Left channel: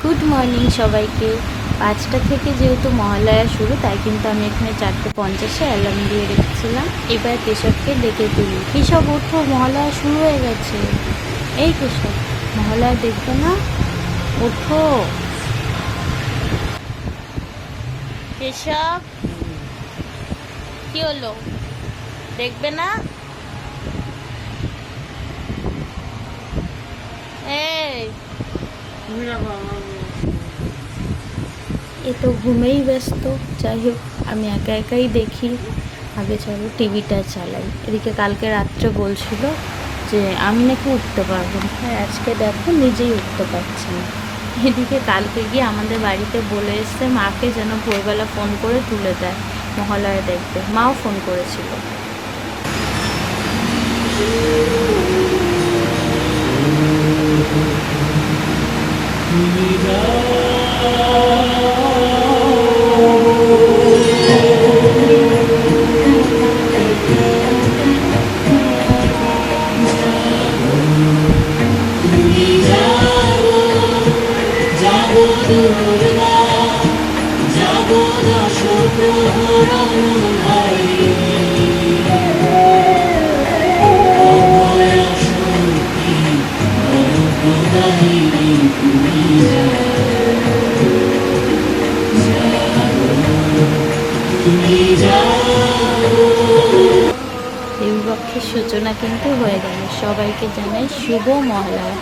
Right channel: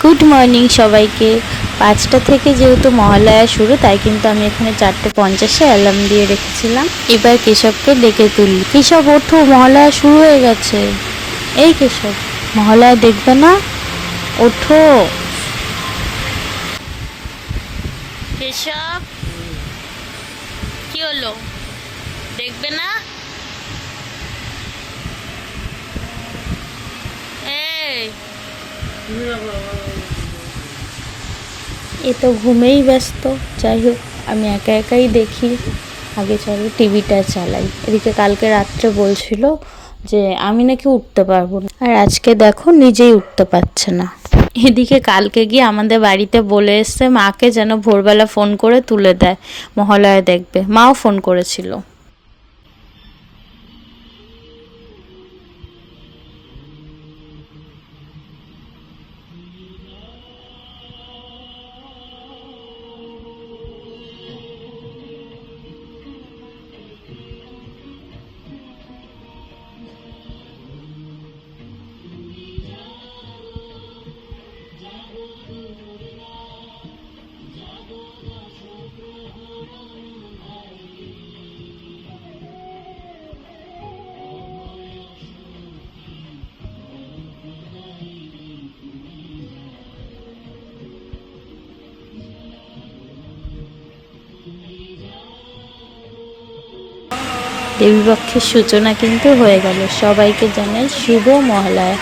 Good morning সবাইকে। 5টা থেকে যেহেতু মহালয়া শুরু, তাই কিন্তু আমি এখানে 4:50-এ অ্যালার্ম দিয়ে রেখেছিলাম। এবার কেশবকে ডেকে তুলি। কেশব ওঠো, মহালয়া শুরু হয়ে গেছে। এই কেশব, মহালয়া দেখবে না? ওঠো কেশব, কি হলো, দেখবে না? এই এ তো ঘুমেই ব্যস্ত। যাই হোক, আমি একা একাই দেখি। আগে চলো টিভিটা চালাই। এদিকে কালকে রাত্রে বলছিল যে আমি নাকি উঠতে পারবো না, আর আজকে দেখো নিজেই উঠতে পারছে না। এদিকে কালকে গিয়ে আমাদের বাড়িতে বলে এসছে মাকে যেন ভোরবেলা ফোন করে তুলে দেয়, মহালয়া দেখবে। মাও ফোন করেছিল। দেবীপক্ষের সূচনা কিন্তু হয়ে গেল। সবাইকে জানাই শুভ মহালয়া।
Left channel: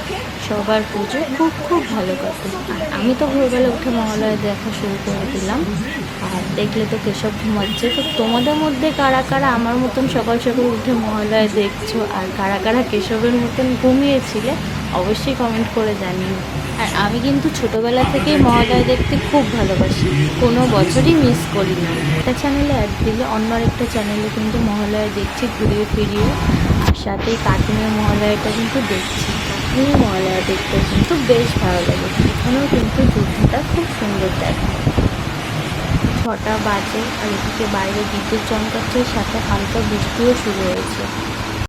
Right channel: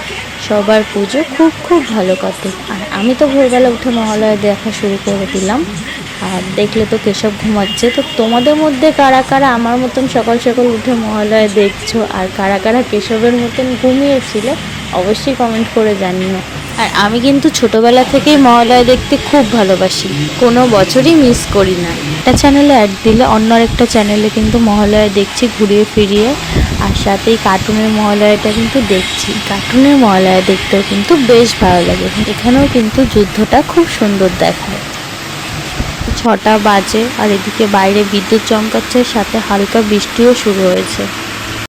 সবার পুজো খুব খুব ভালো কাটে। আর আমি তো ভোরবেলা উঠে মহালয়া দেখা শুরু করে দিলাম। আর দেখলে তো কেশব ঘুমাচ্ছে। তো তোমাদের মধ্যে কারা কারা আমার মতন সকাল সকাল উঠে মহালয়া দেখছো, আর কারা কারা কেশবের মতন ঘুমিয়েছিল, অবশ্যই কমেন্ট করে জানিও। আর আমি কিন্তু ছোটবেলা থেকেই মহালয়া দেখতে খুব ভালোবাসি, কোনো বছরই মিস করি না। একটা চ্যানেলে অ্যাড দিলে অন্য আরেকটা চ্যানেলে কিন্তু মহালয়া দেখছি ঘুরিয়ে ফিরিয়ে। আর সাথেই কার্টুনের মহালয়াটা কিন্তু দেখছি। কার্টুনের মহালয়া দেখতেও কিন্তু বেশ ভালো লাগে। এখানেও কিন্তু যুদ্ধটা খুব সুন্দর দেখায়। 6টা বাজে, আর এদিকে বাইরে বিদ্যুৎ চমকাচ্ছে, সাথে হালকা বৃষ্টিও শুরু হয়েছে।